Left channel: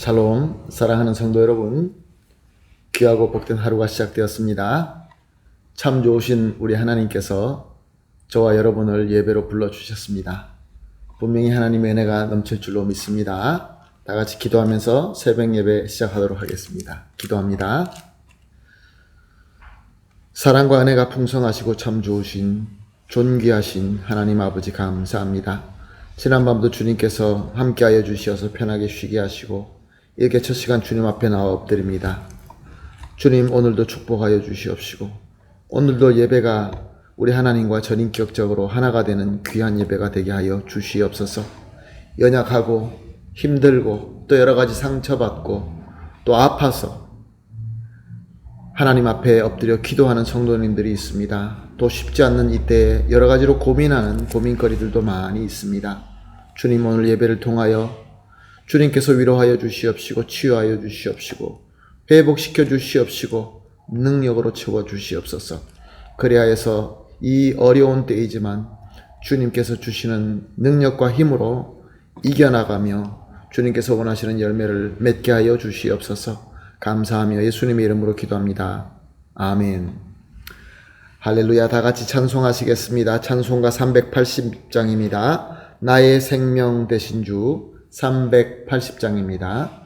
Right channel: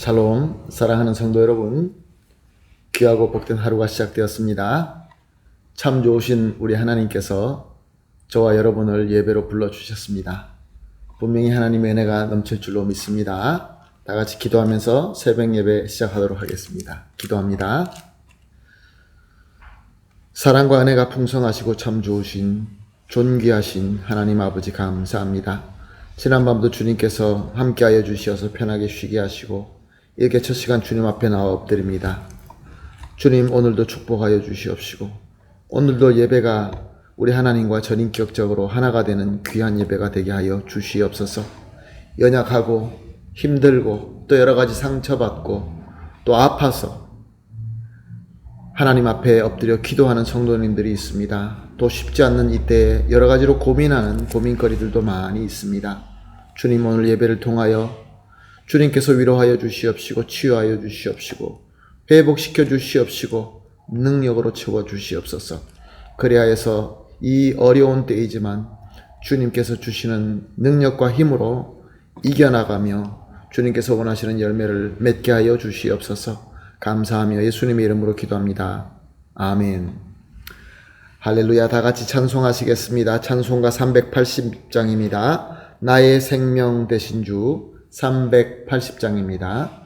샬롬, 사랑하는 성도 여러분, 귀하고 복된 하루가 시작되었습니다. 참 좋으신 우리 하나님께서 저와 여러분을 예배로 불러주셨습니다. 분명히 하나님의 은혜가 넘칠 줄로 믿습니다. 다 같이 기도하면서 새벽 예배 시작하도록 하겠습니다. 기도합니다. 사랑과 은혜가 풍성하시고 참 좋으신 존귀하신 하나님 아버지 감사합니다. 지난밤도 주님께서 함께하여 주시어서 편하게 쉬게 하시고 이렇게 첫 시간 주님 앞에 나와 엎드립니다. 주님, 오늘도 축복하여 주시옵시고 오늘도 예배가 우리 하나님과 전인격적으로 하나가 되는 귀한 예배가 되게 하여 주시옵소서. 연약하고 힘들고 또 여러 가지 상처받고 또 아파서 하나님 앞에 엎드려 기도하는 성도님들이 있습니다. 또 쉽지 않는 이때에 여러 가지로 고민하는 고민거리들도 많이 있습니다. 주님, 오늘 예배를 통하여 주님께서 위로하여 주시옵시고 치유하여 주시옵시고 회복시켜 주시옵시고 능력으로 채워 주시옵소서. 그리하여서 이 어려운 때이지만 주님께서 주시는 능력과 힘으로 이겨나가며 주님께서 원하시는 열매를 맺게 하여 주시옵소서. 감사하며 예수님의 이름으로 기도합니다. 아멘. 할렐루야. 다 같이 찬송하시겠습니다. 찬송가 380장입니다. 나의 생명 되신 주 380장입니다.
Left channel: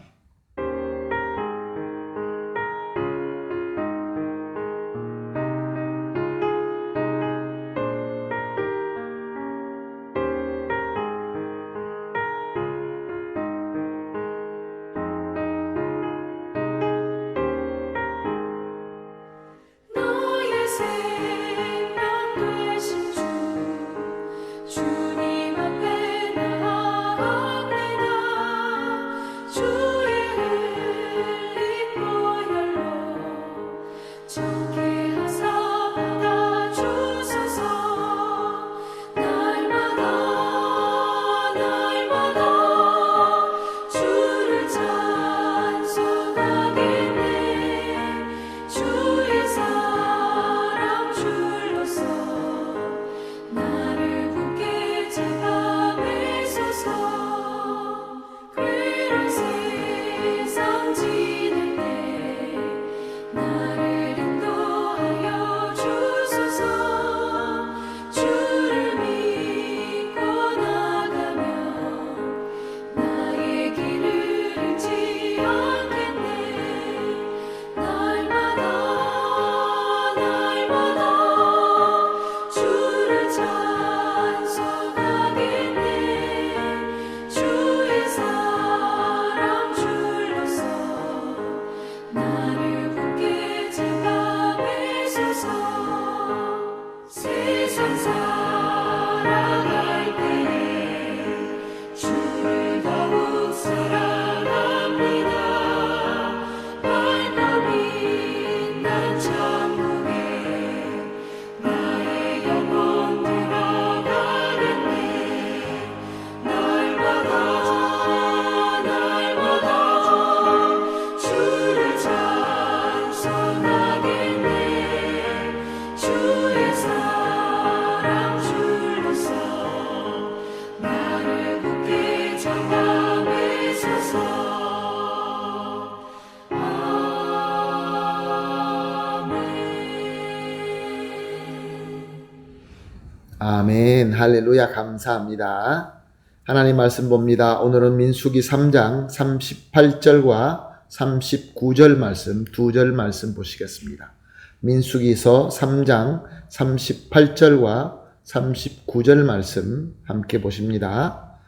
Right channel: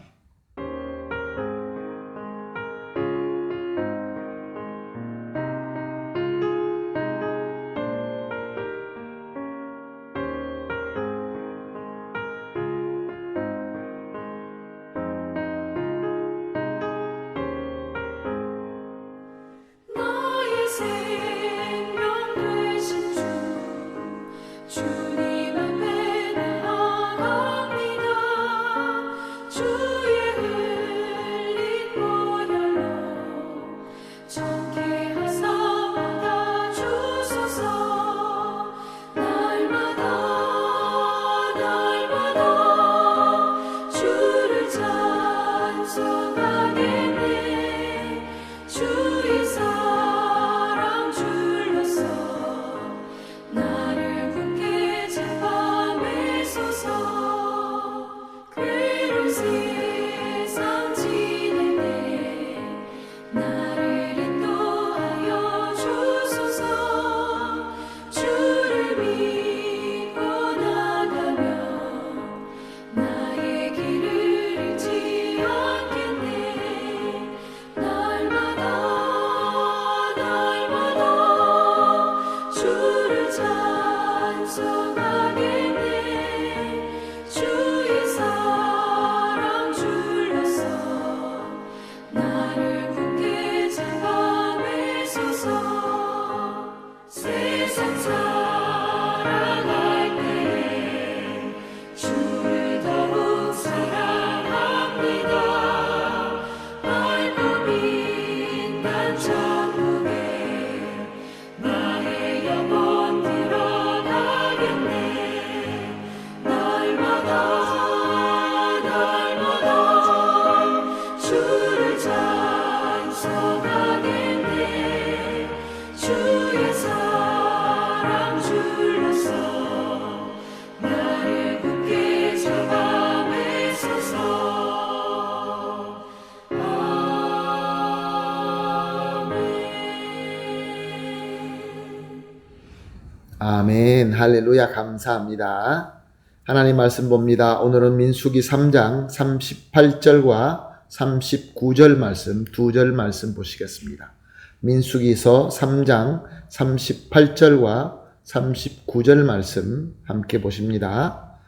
아멘. 할렐루야. 감사합니다. 하나님 말씀 봅니다. 오늘은 민수기 3장 38절과 39절 말씀, 두 절 말씀 보시겠습니다. 민수기서 3장 38절과 39절 말씀 함께 보십니다.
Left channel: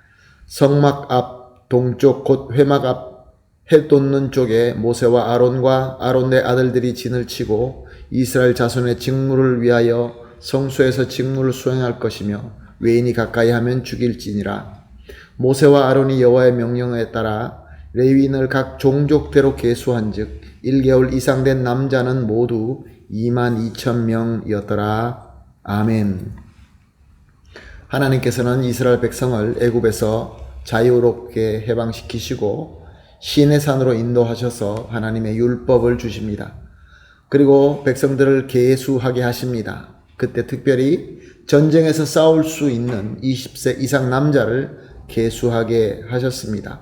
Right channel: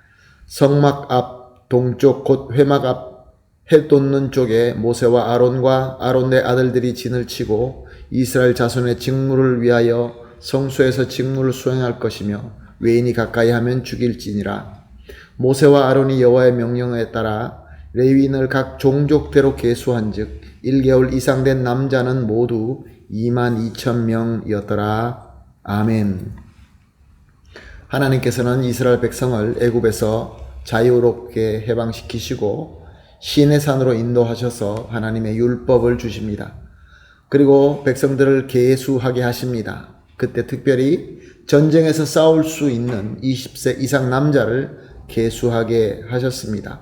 성막 앞 동쪽 곧 회막 앞 해 돋는 쪽에 모세와 아론과 아론의 아들들이 진을 치고 이스라엘 자손의 직무를 위하여 성소에서 직무를 수행할 것이며 외인이 가까이 하면 죽일지니라. 모세와 아론이 여호와의 명령에 따라 레위인을 각 종족대로 계수한즉 1개월 이상 된 남자는 모두 22,000명이었더라. 아멘. 하나님께서는 이스라엘 백성을 애굽에서 자유롭게 해방시키시고 시내산으로 인도하셔서 하나님의 율법을 주십니다. 그리고 백성들을 계수하게 하십니다. 그때 특별히 전쟁에서 싸울 수 있는 20세 이상 남자를 계수하게 하셨습니다.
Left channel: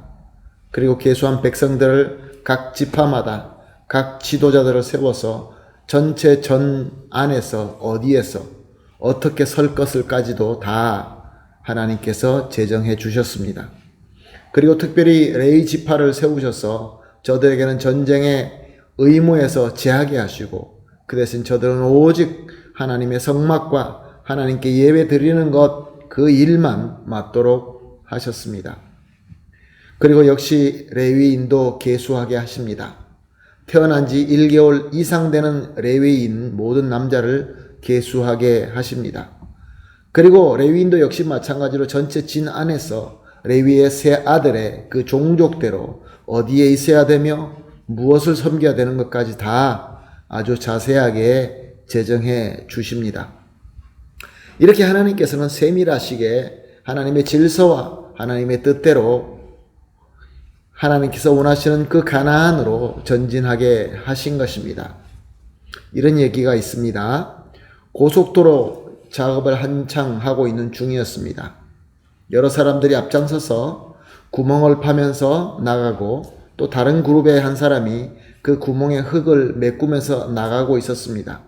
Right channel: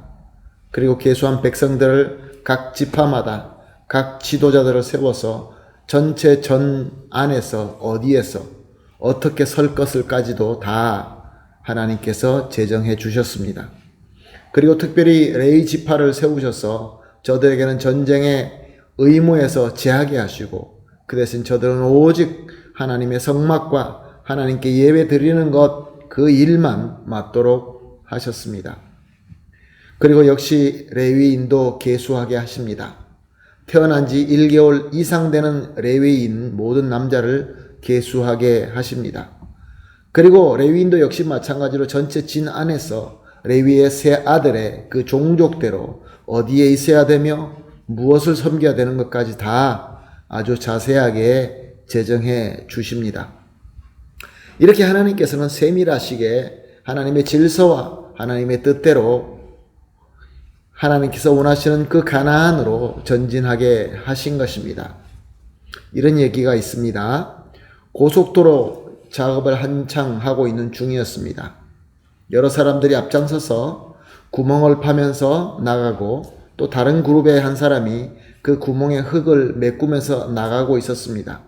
그리고 계수한 백성들을 각 지파마다 각 지도자들을 세워서 전체 전 안에서 어디에서 어떻게 설 것을까지도 다 하나님께서 제정해 주셨습니다. 그리고 특별히 레위 지파를 세우셔서 저들에게는 전쟁의 의무에서 제하게 하시고 그 대신 저들은 오직 하나님의 성막과 하나님께 예배 드리는 것 그 일만 맡도록 하셨습니다. 그리고 역시 레위인도 계수하게 하십니다. 태어난 지 1개월 이상 되는 레위인 모든 남자를 계수하게 하십니다. 그리고 레위인도 역시 마찬가지로 전체 진 안에서 레위의 세 아들의 그 종족대로 어디에 있어야 되며 무엇을 섬겨야 되는 것까지 다 아주 자세하게 제정해 주십니다. 이렇게 하나님께서는 세밀하시게 하나님의 질서와 하나님의 뜻대로 하나님께서 원하시는 그 가나안으로 전진하게 하신 것입니다. 이런 얘기가 있습니다. 고속도로 작업을 한창 하고 있는 중이었습니다. 여러 사람들이 앞장서서 구멍을 파면서 나가고 또 다른 그룹의 한 사람이 그 구멍에 흙을 메꾸면서 나가고 있었습니다.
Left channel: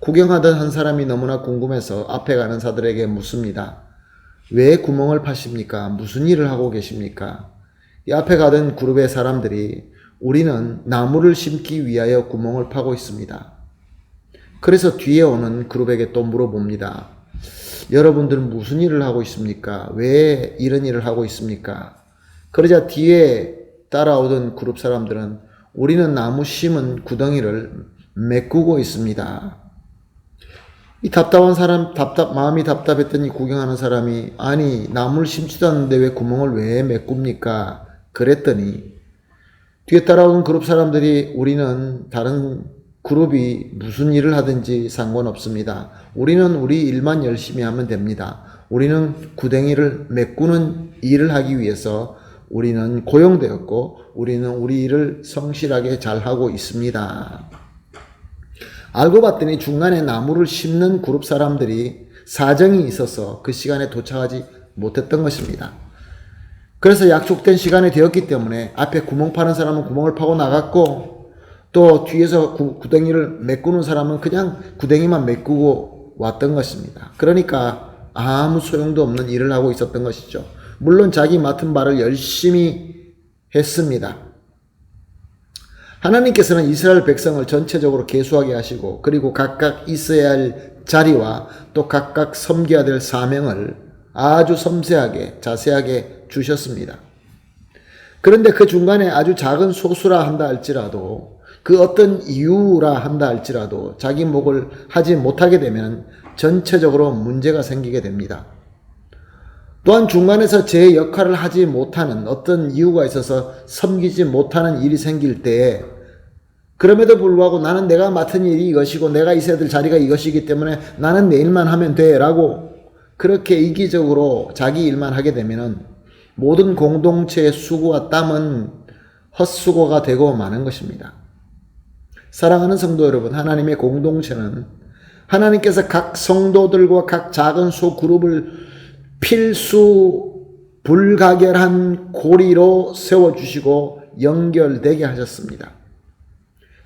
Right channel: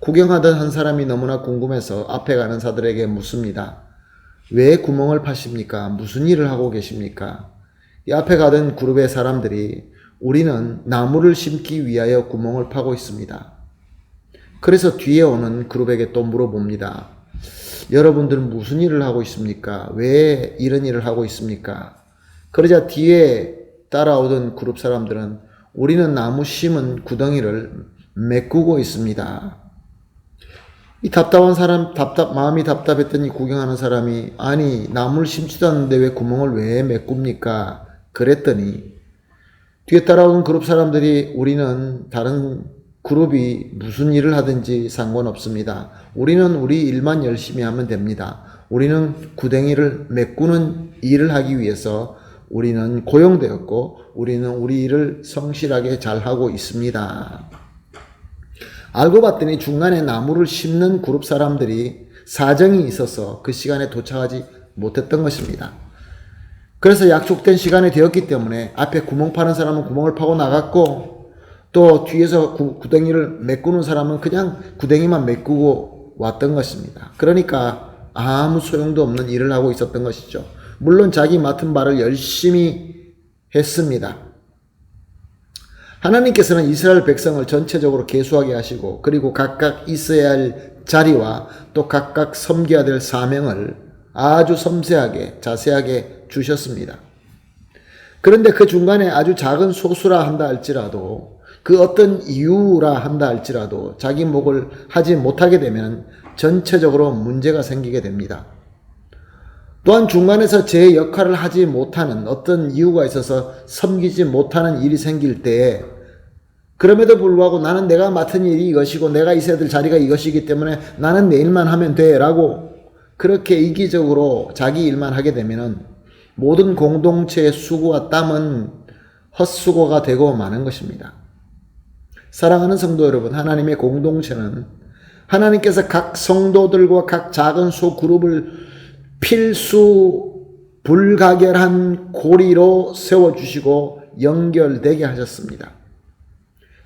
구경하던 한 사람이 너무나 궁금해서 앞에 가는 사들에게 묻습니다. 왜 구멍을 파십니까? 무슨 일을 하고 계십니까? 이 앞에 가던 그룹의 사람들이 우리는 나무를 심기 위하여 구멍을 파고 있습니다. 그래서 뒤에 오는 그룹에게 또 물어봅니다. 여러분들은 무슨 일을 하고 있습니까? 왜 이런 일을 하고 있습니까? 그러자 뒤에 따라오던 그룹 사람들은 우리는 나무 심은 구덩이를 메꾸고 있습니다. 이 답답한 사람, 마음이 답답했더니 구경하는 사람이 아니 나무를 심지도 않는데 왜 구멍을 왜 메꿉니까? 그랬더니 뒤에 따라오는 그룹 사람들이 우리는 다른 그룹이 무슨 일을 하든지 상관없습니다. 우리는 우리 일만 열심히 하면 됩니다. 우리는 구덩이를 메꾸는 일을 하기 위해서 우리는 고용되었고 우리는 우리 일을 성실하게 잘하고 있습니다. 알고 봤더니 중간에 나무를 심는 그룹 사람들이 사정이 있어서 그 시간에 도착하지 못했던 것입니다. 그래서 약속된 시간이 되었기 때문에 앞에 구멍 파는 사람은 구멍을 파고 나갔고 또 뒤에서 구덩이를 메꾸는 사람은 그냥 구덩이만 메꾸고 왔던 것입니다. 그러니까 아무 소용도 없는 일을 하고 있었던 것이죠. 물론 자기 맡은 바를 열심히 했습니다. 하나님께서는 이스라엘 백성을 전체적으로 계수하게 하시고 그리고 각각 있어야 할 자리와 또 각각 섬겨야 될 사명을 아주 섬세하게 자세하게 주셨습니다. 그런데 그 중간에 아주 작은 소수라 한다 할지라도 그 어떤 이유라 한다 할지라도 자기 몫을 하지 못하게 되면 전체적으로 문제가 생기게 됩니다. 또한 중간에서 제 역할을 하지 못하는 어떤 이유가 있어서 섬기지 못하는 일이 생길 때에 그럼에도 불구하고 나는 내가 맡은 일이 이것이고 내가 있어야 될 자리가 이것이기 때문에 나는 내 일만 하면 돼 라고 그렇게 이기적으로 자기 일만 하게 되면은 모든 공동체의 수고와 땀은 헛수고가 되고 마는 것입니다. 사랑하는 성도 여러분, 하나님의 공동체는 하나님께서 각 성도들과 각 작은 소그룹을 필수 불가결한 고리로 세워주시고 연결되게 하셨습니다.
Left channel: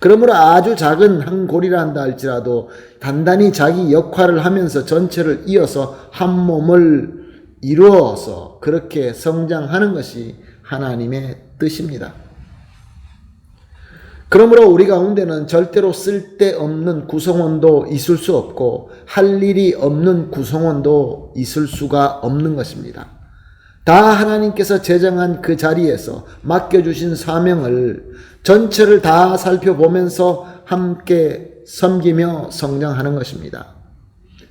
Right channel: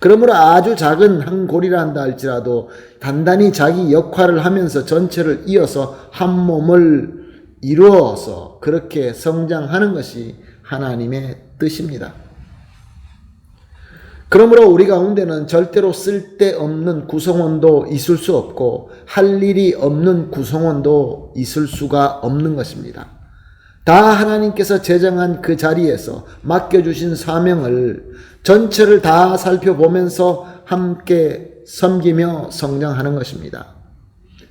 그러므로 아주 작은 한 고리라 한다 할지라도 단단히 자기 역할을 하면서 전체를 이어서 한 몸을 이루어서 그렇게 성장하는 것이 하나님의 뜻입니다. 그러므로 우리 가운데는 절대로 쓸데없는 구성원도 있을 수 없고 할 일이 없는 구성원도 있을 수가 없는 것입니다. 다 하나님께서 제정한 그 자리에서 맡겨주신 사명을 전체를 다 살펴보면서 함께 섬기며 성장하는 것입니다.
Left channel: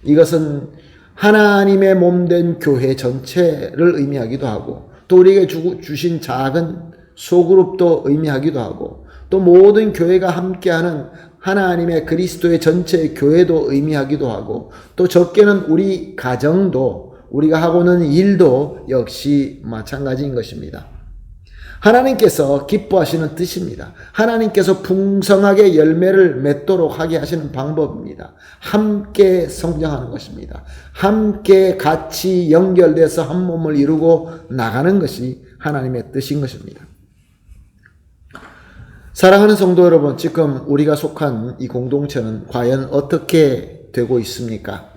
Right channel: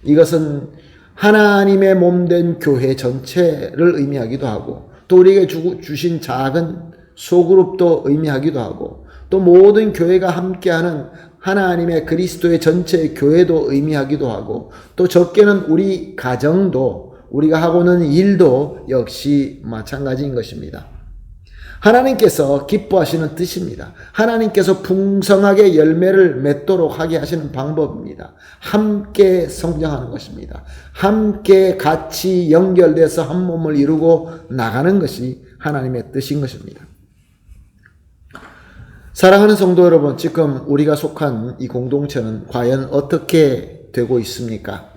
이것은 하나님의 몸된 교회 전체를 의미하기도 하고 또 우리에게 주신 작은 소그룹도 의미하기도 하고 또 모든 교회가 함께하는 하나님의 그리스도의 전체 교회도 의미하기도 하고 또 적게는 우리 가정도 우리가 하고는 일도 역시 마찬가지인 것입니다. 하나님께서 기뻐하시는 뜻입니다. 하나님께서 풍성하게 열매를 맺도록 하게 하시는 방법입니다. 함께 성장하는 것입니다. 함께 같이 연결돼서 한 몸을 이루고 나가는 것이 하나님의 뜻인 것입니다. 사랑하는 성도 여러분, 지금 우리가 속한 이 공동체는 과연 어떻게 되고 있습니까?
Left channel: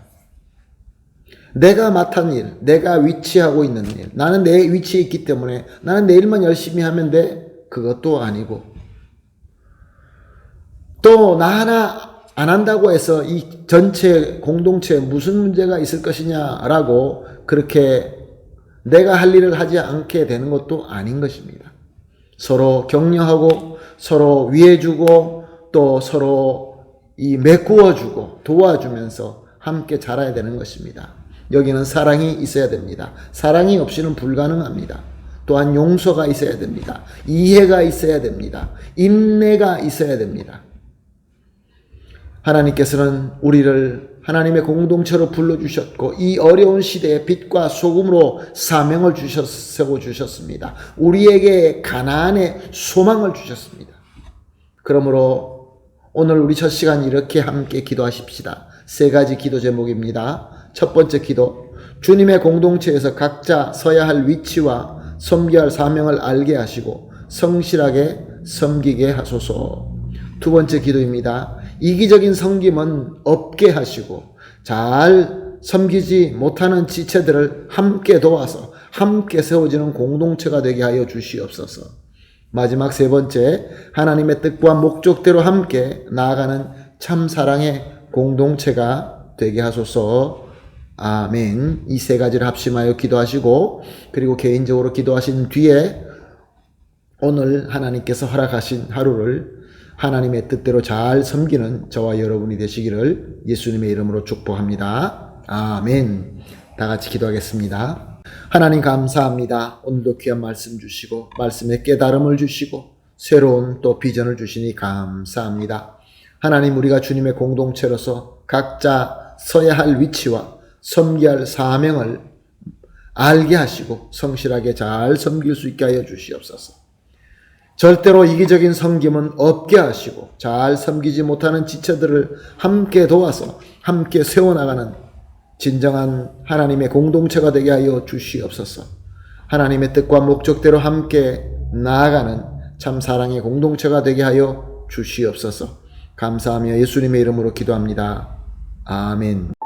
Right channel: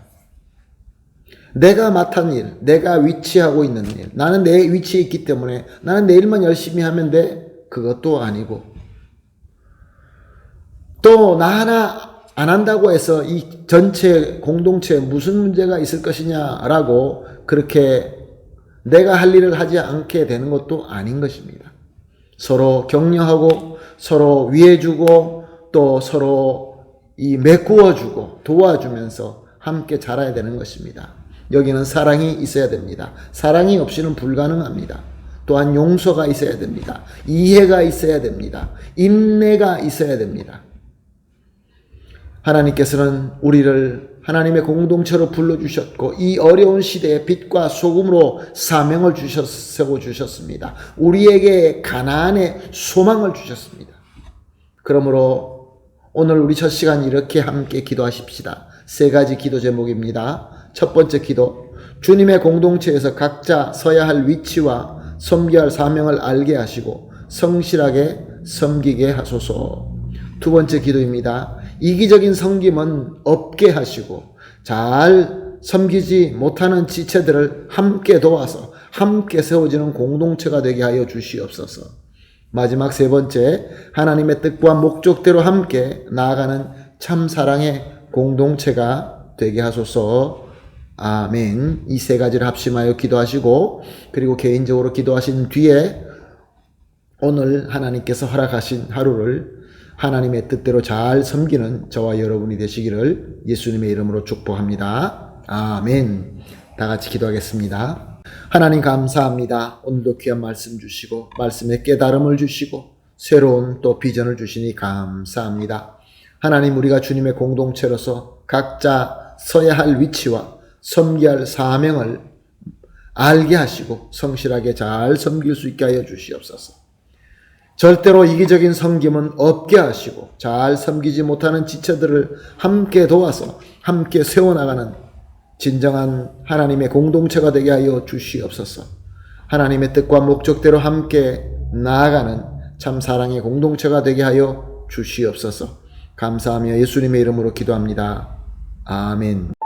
내가 맡은 일, 내가 위치하고 있는 일, 나는 내 위치에 있기 때문에 나는 내 일만 열심히 하면 돼. 그것도 아니고, 또 나 하나 안 한다고 해서 이 전체 공동체에 무슨 문제가 있을 것이냐라고 그렇게 내가 할 일을 하지 않게 되는 것도 아닌 것입니다. 서로 격려하고 서로 위해주고 또 서로 메꾸어주고 도와주면서 함께 자라야 되는 것입니다. 여기는 사랑이 있어야 됩니다. 사랑이 없이는 불가능합니다. 또한 용서가 있어야 됩니다. 이해가 있어야 됩니다. 인내가 있어야 됩니다. 하나님께서는 우리를 하나님의 공동체로 불러주셨고 이 어려운 시대에 빛과 소금으로 사명을 세워 주셨습니다. 우리에게 가나안의 소망을 주셨습니다. 그러므로 오늘 우리 첫 시간 이렇게 함께 기도하십시다. 3가지 기도 제목입니다. 첫 번째 기도, 주님의 공동체에서 각자 서야 할 위치와 섬겨야 할 사명을 알게 하시고 성실하게 섬기게 하소서. 두 번째 기도입니다. 이기적인 섬김은 없게 하시고 잘 섬기지 못하는 지체들을 함께 도와서 함께 세워지는 공동체가 되게 하여 주시옵소서. 마지막 3번째, 하나님의 뜻과 목적대로 함께 나아가는 참 사랑의 공동체가 되게 하소서. 아멘. 이 3가지를 합심하여 기도하시고 그리고 개인적으로 기도하신 뒤에 오늘 하나님께서 허락하신 하루를 하나님의 뜻대로 잘 섬기는 저와 여러분이 되시기를 예수님의 이름으로 축복합니다. 아멘. 다 같이 기도하겠습니다. 하나님 감사합니다. 오늘도 귀한 말씀 주시고 말씀에 깨달음을 주시고 새로운 또 비전을 주시니 감사합니다. 하나님, 우리가 주님의 공동체로서 각자 서야 할 위치와 섬겨야 할 사명을 알게 하시고 성실하게 잘 섬길 수 있게 하여 주시옵소서. 절대로 이기적인 섬김은 없게 하시고 잘 섬기지 못하는 지체들을 함께 도와서 함께 세워나가는 진정한 하나님의 공동체가 되게 하여 주시옵소서. 하나님의 뜻과 목적대로 함께 나아가는 참 사랑의 공동체가 되게 하여 주시옵소서. 감사하며 예수님의 이름으로 기도합니다. 아멘.